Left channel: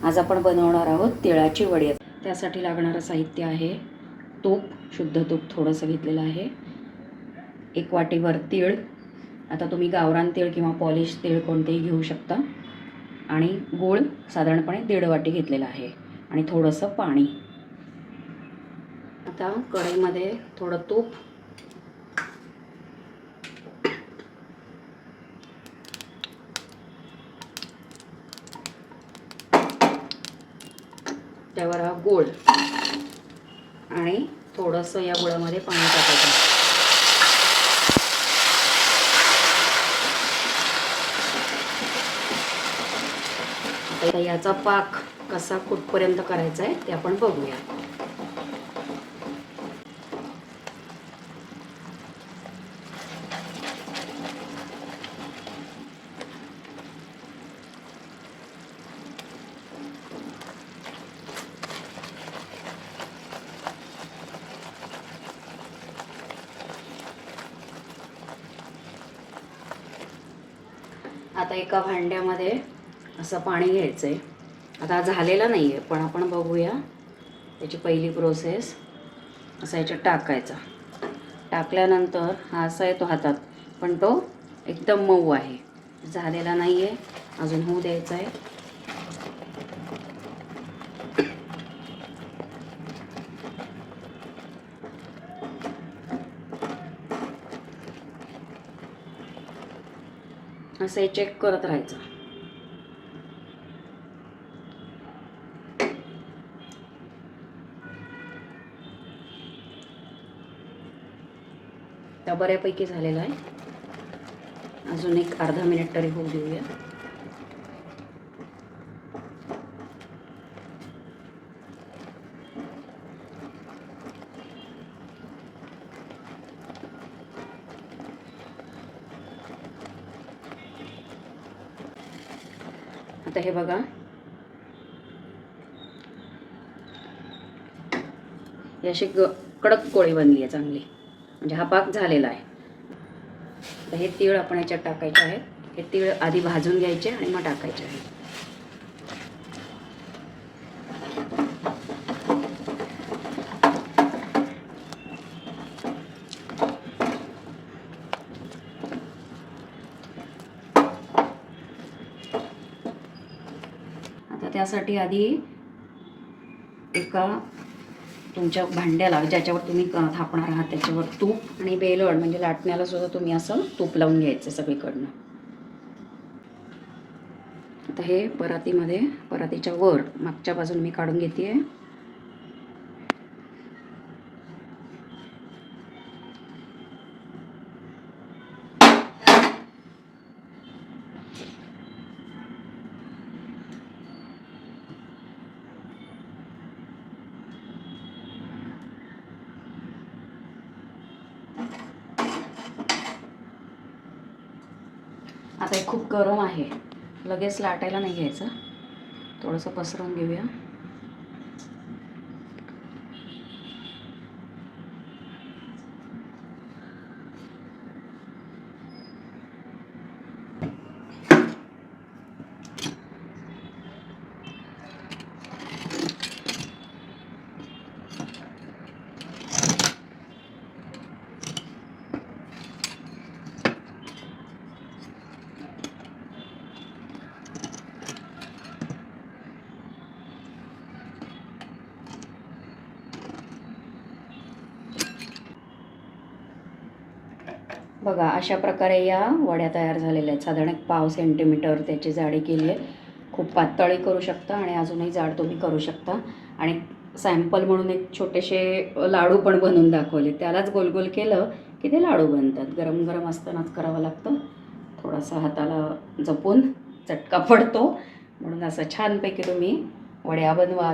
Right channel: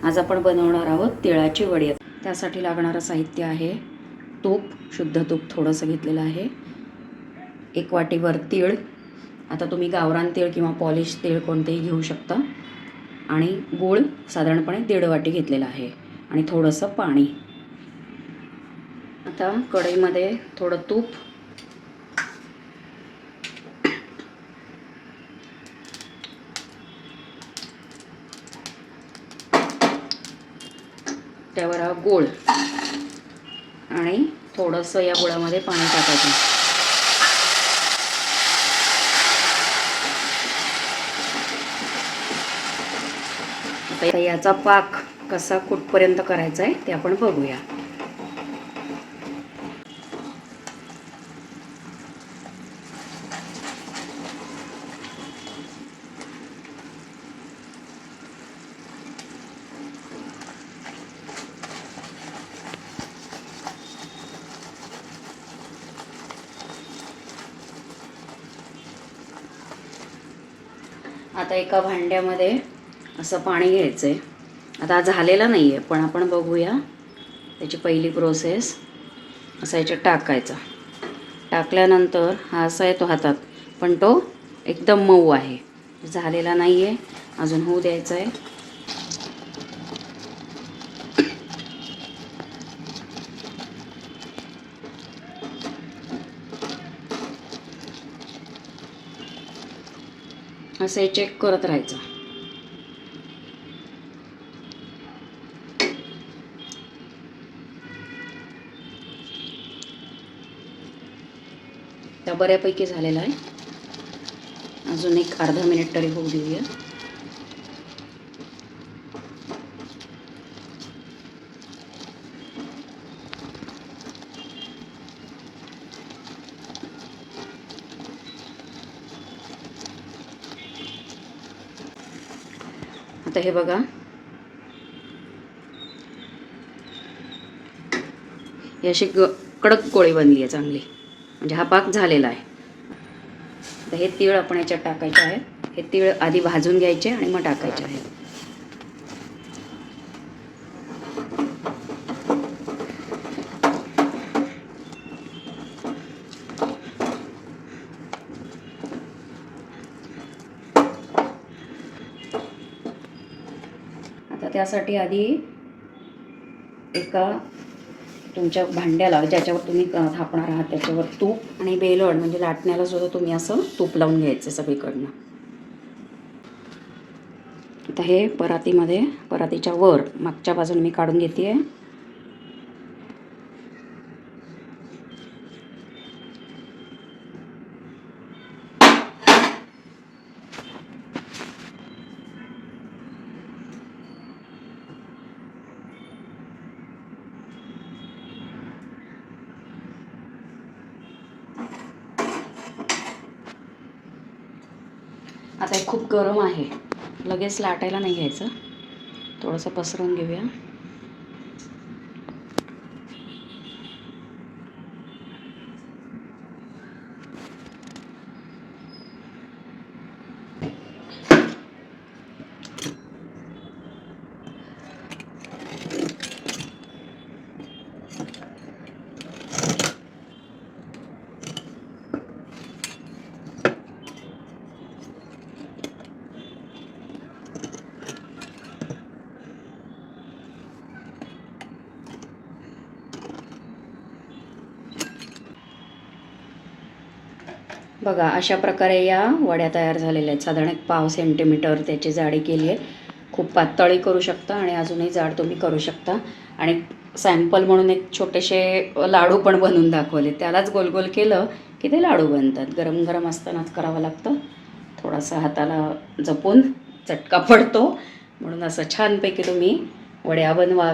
आज आपण बनवणार आहोत तिळाची वडी। त्यासाठी लागणारं साहित्य आहे तूप, शुद्ध तूप थोडंसं घेतलेलं आहे, 1 वाटीभर तीळ, आता तुम्ही गावरान तीळ किंवा पॉलिश तीळ कोणतेही घेऊ शकता, आणि गूळ साधारणपणे 1.5 वाटी घेतलेला आहे, आणि थोडंसं पाणी। आता कढईमध्ये थोडं तूप, त्यावर हा गूळ आणि थोडंसं या गुळामध्ये पाणी टाकायचं। आता याचा पाक कसा कुठपर्यंत करायचा आहे ते आपण बघूया। आता एका भांड्यामध्ये असं पाणी घ्यायचं आहे। आता झालेलं नाही आहे, पण आपण बघूया त्याची पहिली प्रोसेस। असं याच्यात टाकायचं, टाकल्यानंतर हा असा येतो हातात, पण तो एकदम मऊ आहे, झालेला नाही आहे, अजून होऊ द्यायचं आहे। असं चेक करत राहायचं। त्या बऱ्यापैकी झालेला आहे, अजून एक अर्धा मिनिट तरी होऊ देऊया। आता हे बघा, ही अशी कडक गोळी बनली आहे चांगली, म्हणजे हा पाक झालेला आहे। आता हे तीळ आपण याच्यात टाकायचे आहेत। हे तीळ आधी भाजून घ्यायचे आणि मग टाकायचे आहेत। आता त्यासाठी आधी एका तुमच्या भांड्याला, ज्याच्यावर तुम्ही थापणार आहात त्याच्यावर तूप आणि बेलड म्हणजे लाटण्याला सुद्धा तुम्ही असं तूप लावून घ्यायचं सगळीकडनं। आता हे परातीमध्ये, परातीच्या वर मागच्या बाजूने मी काढून घेते। आता हे खूप गरम आहे, लगेच लाटायला नाही घ्यायचं, थोडंसं पसरवून घेऊया। बघा, अशा प्रकारे या वड्या तयार झालेल्या आहेत। साधारण 1 सेंटीमीटर त्याची जाडी केली आहे। खूप पातळी करू शकता आणि अजूनही जाड तुम्ही करू शकता। आणि सॅम्पल म्हणून एक छोटेसे लाडू पण बनवून दाखवले, त्यालाच गोल गोल केलं की ते लाडू बनतात। गरम गरम असतानाच करावं लागतं, थोडासा हाताला जपून, चटका पडतो, म्हणून असं छानपैकी तुम्ही वड्या बनवा।